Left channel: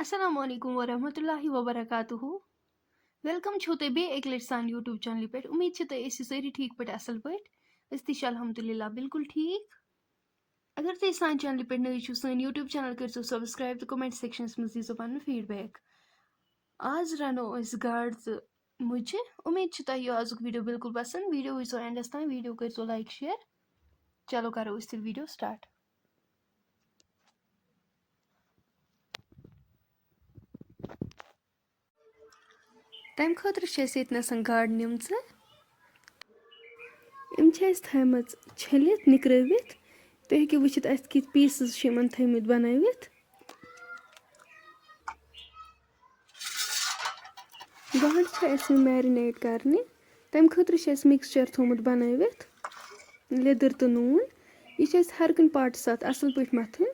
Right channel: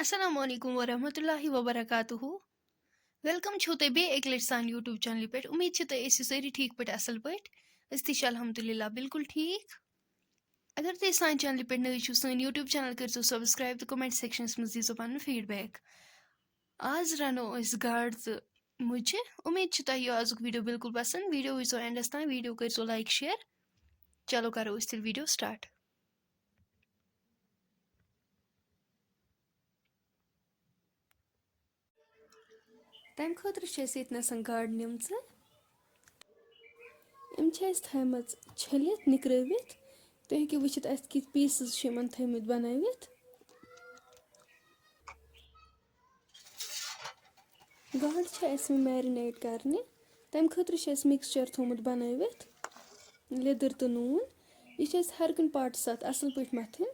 Assalamu alaikum warahmatullahi wabarakatuhu. Welcome چھو تۄہہِ بیٚیہِ اَکہِ لَٹہِ سانہِ یوٗٹیوٗب چَنلہِ پٮ۪ٹھ اُمید چھِ تُہۍ ٲسِو سٲری ٹھیٖک پٲٹھۍ اَصٕل پٲٹھۍ أسۍ تہِ چھِ الحمدُاللہ بِلکُل ٹھیٖک اگر تُہۍ سانہِ چَنلہِ پٮ۪ٹھ نٔے چھُو سٲنۍ یوٗٹیوٗب چَنَل کٔرۍزیو سَبسکرایب تہٕ کومٮ۪نٛٹ سٮ۪کشَنَس منٛز دیٖزیو پَنُن فیٖڈبیک آز رَنو أسۍ گاڈٕ تہٕ مُجہِ اُمید چھِ تۄہہِ یہِ آزُک ویٖڈیو بِلکُل پَسنٛد ویٖڈیو وٕچھزیو اٮ۪نٛڈَس تام ویٖڈیو کٔرۍزیو لایک شِیَر چلو کَرو أسۍ تیٚلہِ ویٖڈیو سِٹاٹ تَمہِ خٲطرٕ چھِ اَسہِ ییٚتہِ نَسَن گاڈٕ نِمژٕ یِم چھِ اَسہِ تھٲیمٕژ چھٔلِتھ نِکرٲوِتھ تُہۍ ہیٚکِو وٕچھِتھ اَسہِ کِتھ پیٖسٕز چھِ یِمَن تھٲیمٕتۍ بَنٲوِتھ گاڈٕ چھِ اَسہِ وۄنۍ میرِنیٹ کَرنہِ تَمہِ خٲطرٕ چھِ اَسہِ مِکسچَر تھوٚمُت بَنٲوِتھ لیٚدٕر تہٕ نوٗن یہِ چھِ اَسہِ ہر کُنہِ پاٹَس اَتھ اَصٕل پٲٹھۍ مَتھٕنۍ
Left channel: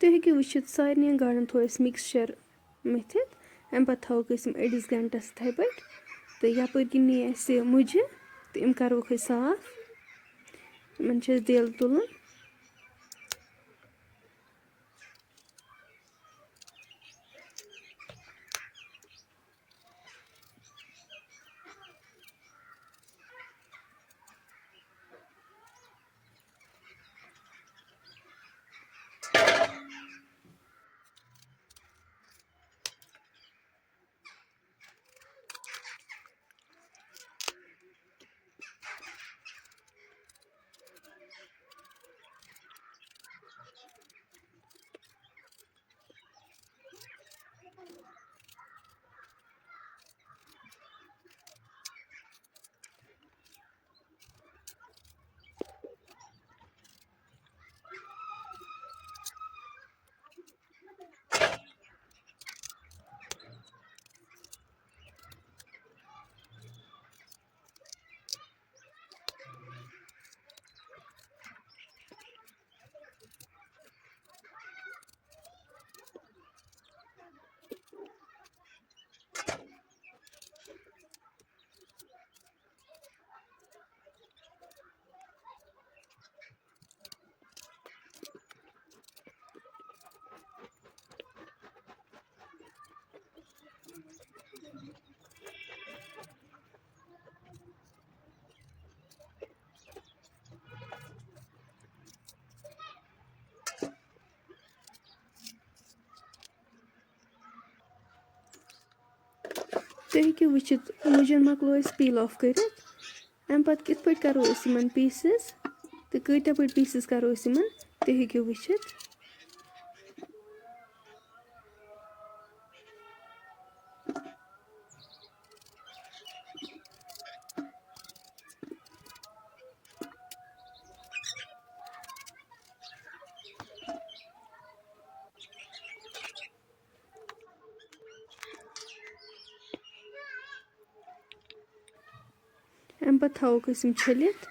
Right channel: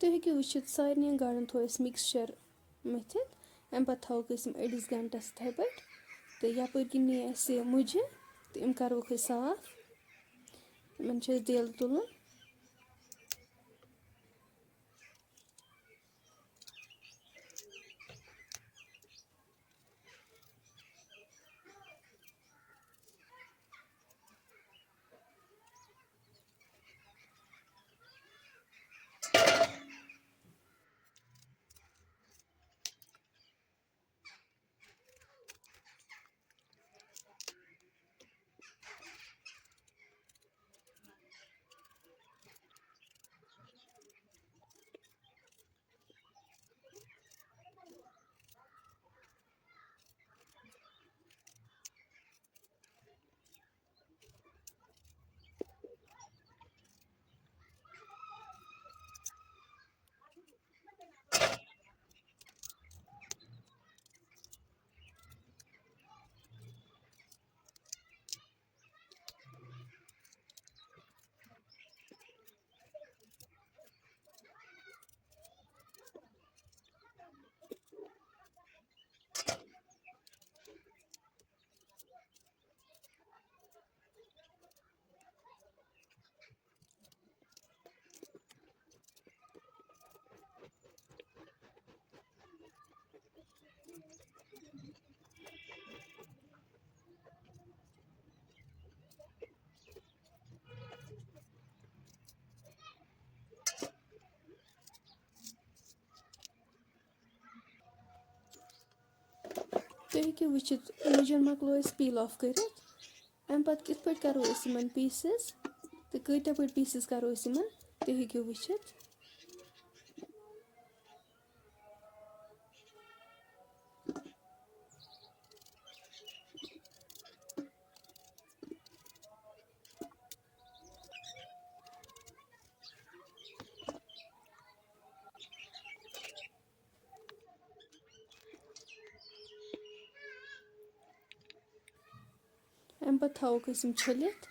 تُہۍ ہیٚکِو وٕچھِتھ سارنٕے گاڈَن تھوٚو اَسہِ مِکسچَر مٔتھِتھ اَمہِ پَتہٕ تھاووکھ أسۍ یِم أڑِس گَنٹَس یِتھَے پٲٹھۍ تہٕ یَپٲرۍ کِنۍ نی اَسہِ مُجہِ تہٕ یِم کَروکھ أسۍ صاف یِمَن چھِ اَسہِ دٮ۪ل تُلُن تُہۍ ہیٚکِو وٕچھِتھ مُجَن مۄکلو أسۍ پیٖل آف کٔرِتھ اَمہِ پَتہٕ کِتھ پٲٹھۍ کَرو أسۍ یِمَن پیٖسٕز تہٕ کۭتیاہ پٲٹھۍ پیٖسٕز کَرو أسۍ یِمَن تُہۍ ہیٚکِو وٕچھِتھ اَمہِ پَتہٕ تھاووکھ أسۍ یِم چھٔلِتھ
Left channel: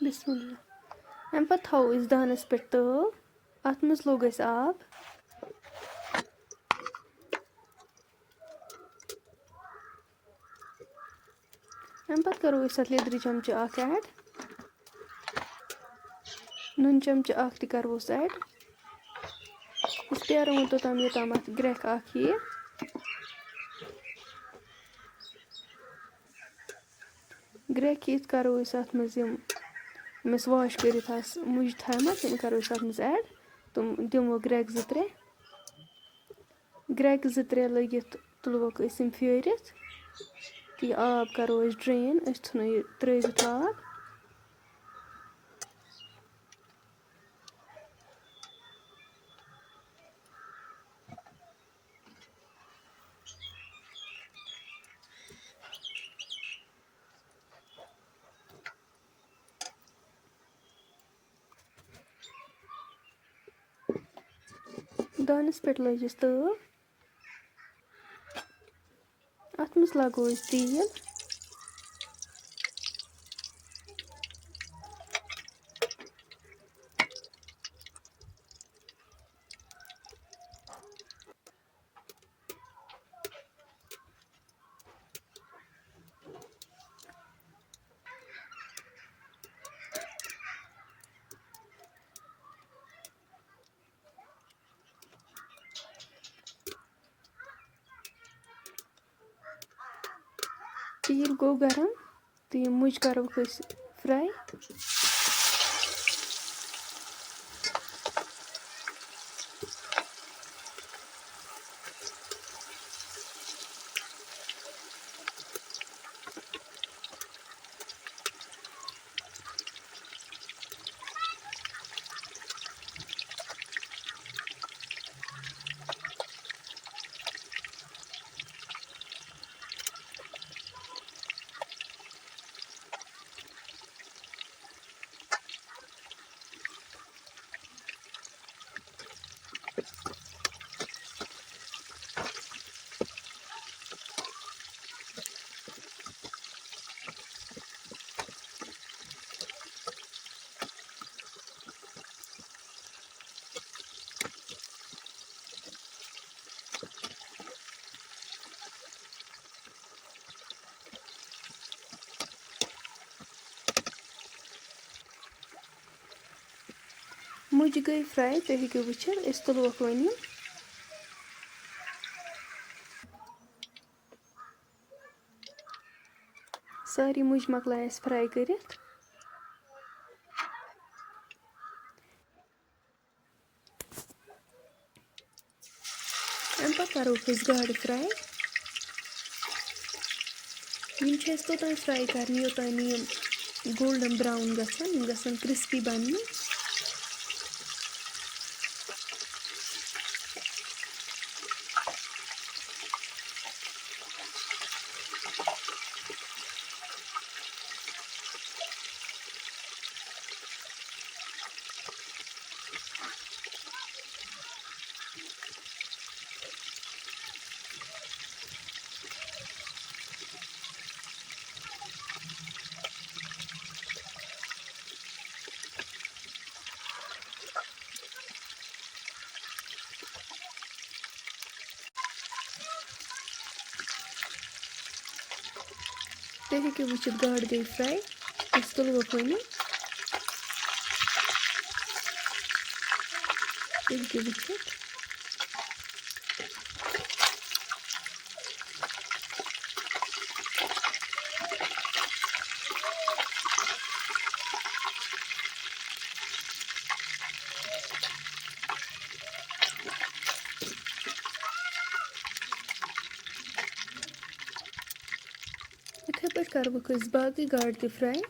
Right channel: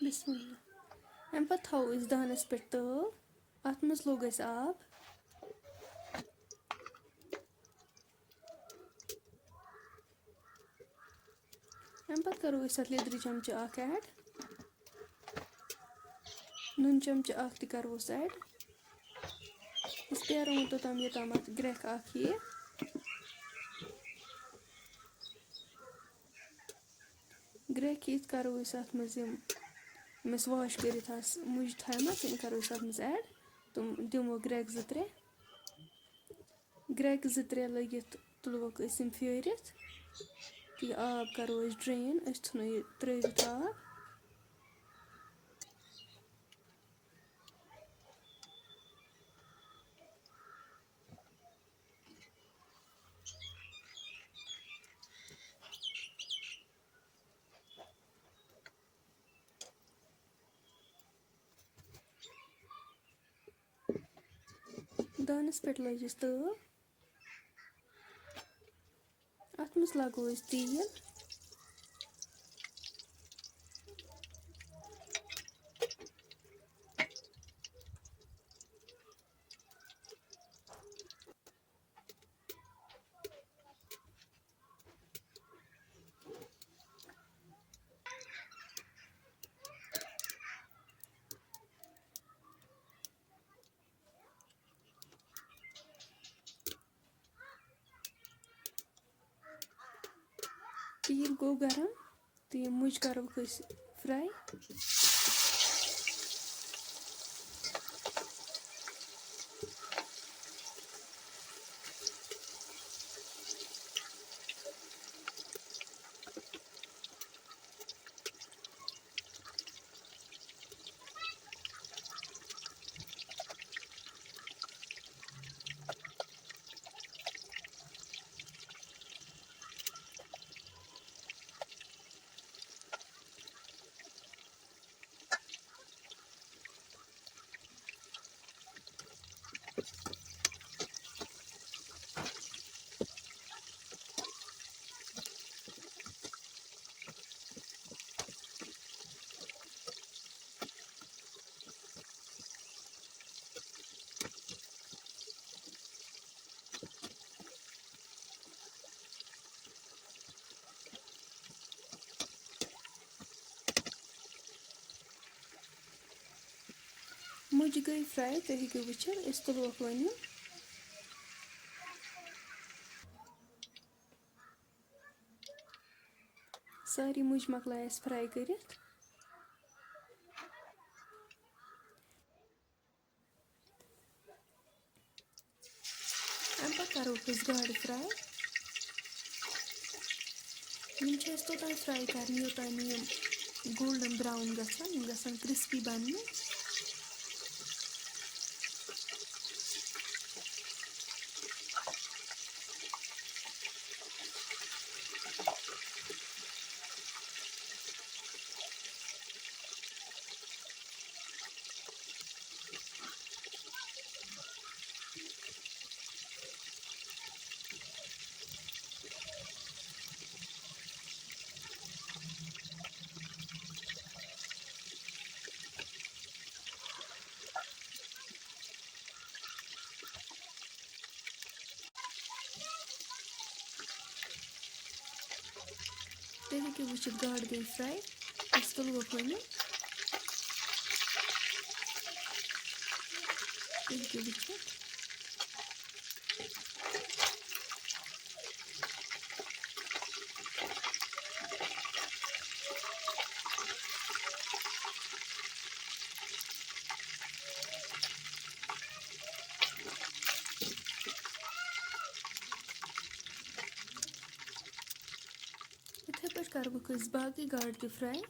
बिस्मिल्लाह। अमि पत्तु थोवो अस दानस पे तव अत मज लोग अस आब अमि पत्तु करो अस अत लेदरि चमचे अख ऐड नून चमचे अख ति करोस ऐड अस पेरो तोताम योताम अत ग्रेख अख यि ग्रेख यिथ करो अस अत मज यम यमस वाश करित मुज थमत तम करो अस अत मज ऐड तुम दिमो ग्रेख ज त्रे ग्रेख ज त्रे लगित तुलवोक अस यम फेरित ती आब करो अस ड्रेन अस थुनो यि त्रवित आब दानस पे लगिस तव अत मज लगो अस तेल तेल गो गरम तो यम मुज करो अस फ्राई मुज गई फ्राई तुम हेको वुचित अस तुलवोक वन यम सारी मुज मकलाय अस फ्राई करित अमि पत्तु करो अस गाड़ फ्राई यम छ अस तोताम फ्राई करने योताम यम गोल्डन ब्राउन गछन यम गछन क्रिस्पी बनने तुम हेको वुचित गाड़ गई फ्राई अस तुलवोक वन यम तुम हेको वुचित इथे पे करो अस बाकी गाड़ ते फ्राई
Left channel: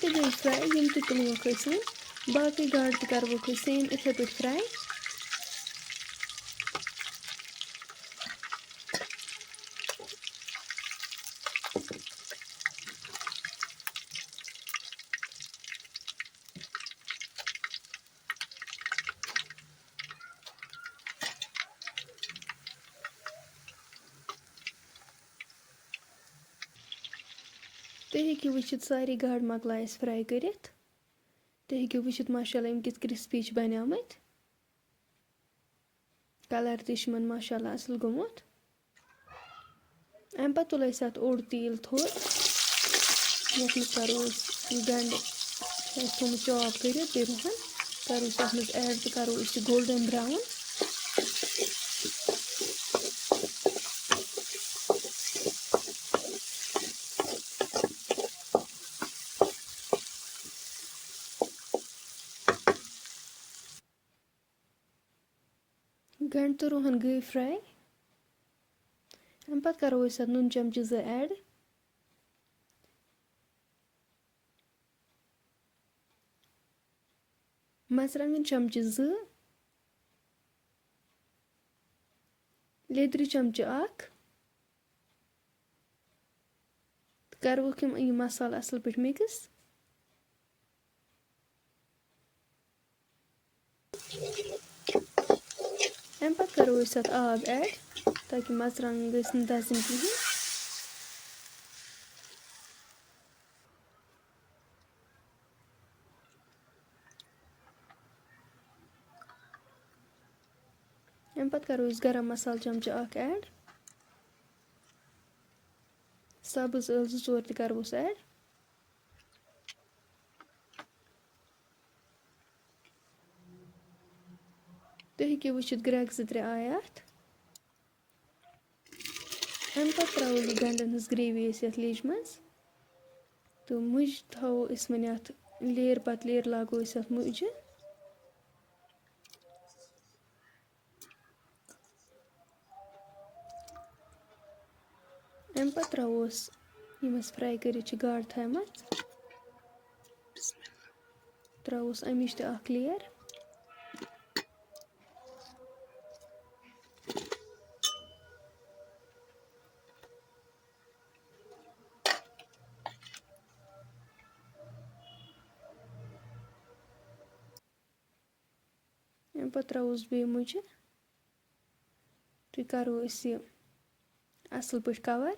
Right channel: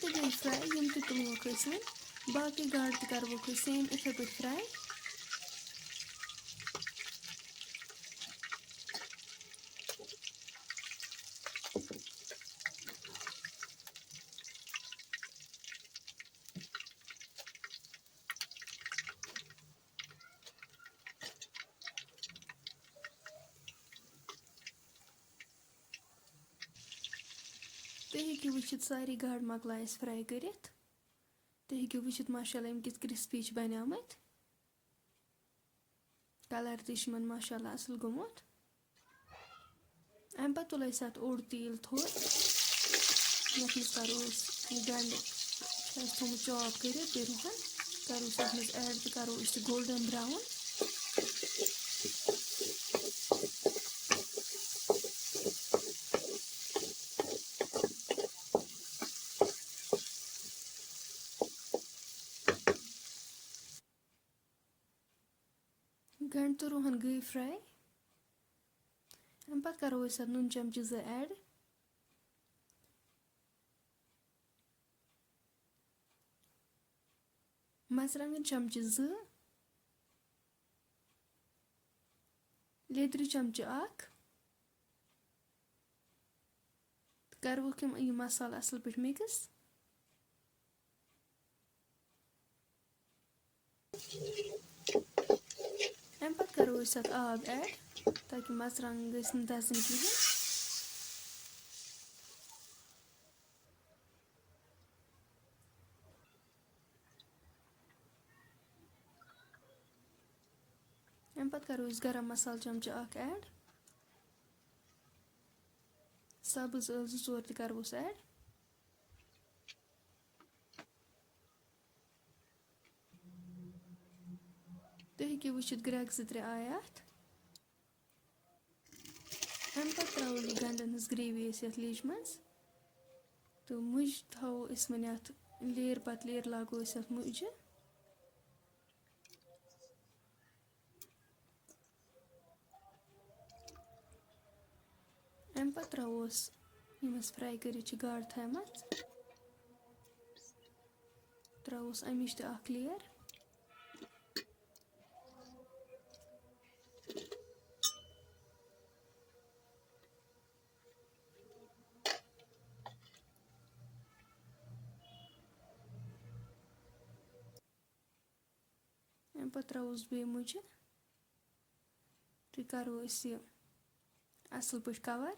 ते गई फ्राई यम ते तुलवोक वन बाकी गाड़ ते करवोक सेम इथे पे फ्राई तुम हेकि वुचित सारी गाड़ मकलाय अस फ्राई करित तुम हेकि वुचित माशाल्लाह यम किस क्रिस्पी बनामत कलर तमन माशाल्लाह असल गोमुत अम पत तुल अत ओड तेल थोड़ यथ मज करो गंड थोमुत चॉप कर रुहन करो अत मज ऐड तो करो गोल्डन ब्राउन गंड तो रुहन गई फ्राई अम पत करो अत नुन चमचे 2 ऐड मर्चंटन चमचे 2 लेदर चमचे 1 करवोक यह मसाला असल पे मिक्स अम पत करो अत आब ऐड ताकि मर्चंटन गसन दजन कहें अम पत करो गरम मसाला चमचे 1 ऐड सब्ज 2-4 त करवोस ऐड तुम हेकि वुचित ग्रेग 2-3 आय अत अम पत त्रो गंडन हज ग्रेवी अत लेज मज तो मुज थो वन अत लेयर पत लेयर लागो अत मुज अम पत त्रोस यम फ्राई कर गाड़ थमत त्रोस अमिच त लेयर अम पत त्रोस बे मुझ तो करो असल पे कवर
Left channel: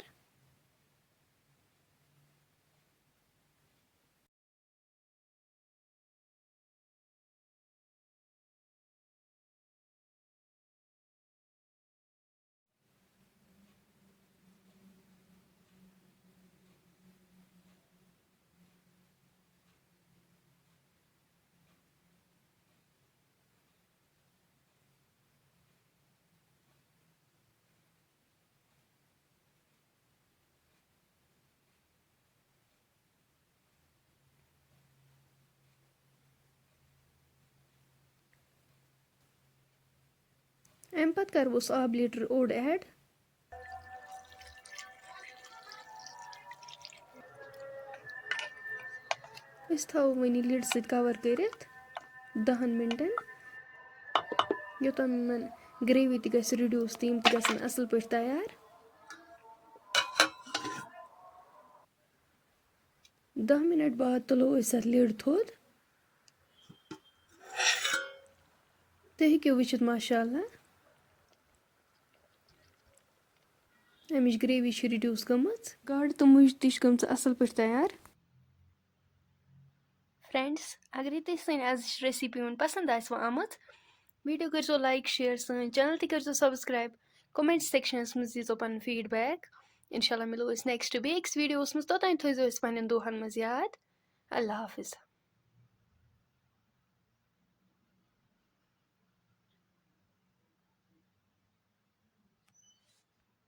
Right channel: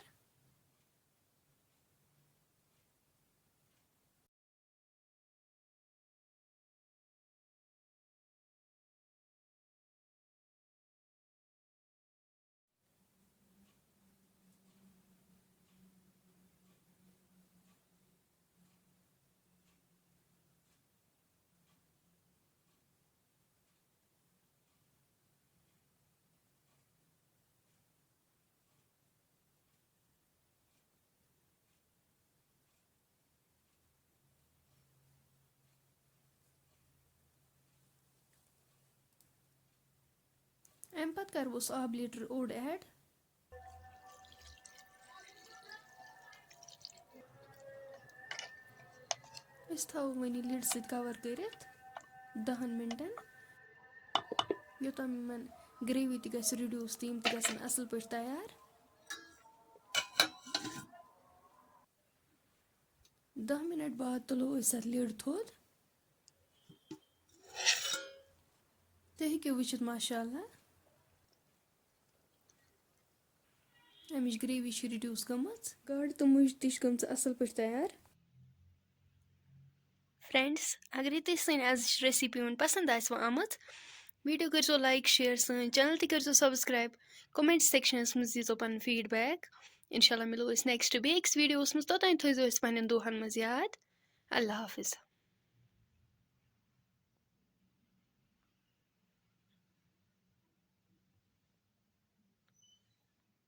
अम पत करवोस आब लीटर ओड ऐड थो वन लिड सत कवर कर 10 मिनटन योतन ग्रेवी त गस रिड्यूस तम त गसन असल पे तैयार 10 मिनट बाद तुलो अत लिड थोद तुम हेकि वुचित माशाल्लाह अमिच ग्रेवी रिड्यूस गमच गाड़ तो मुज तश गम असल पे तैयार फ्रेंड्स अगर तुम सन आज रेसिपी वन पसंद आमत वीडियो कर लाइक शेयर सन चैनल कर सब्सक्राइब कमेंट सेक्शनस मज दीजो पन फीडबैक इंशाल्लाह मिलो नेक्स्ट बेक्स वीडियोस मज तोतान थो पन्न दोहन मज याद अल्लाह हाफिज।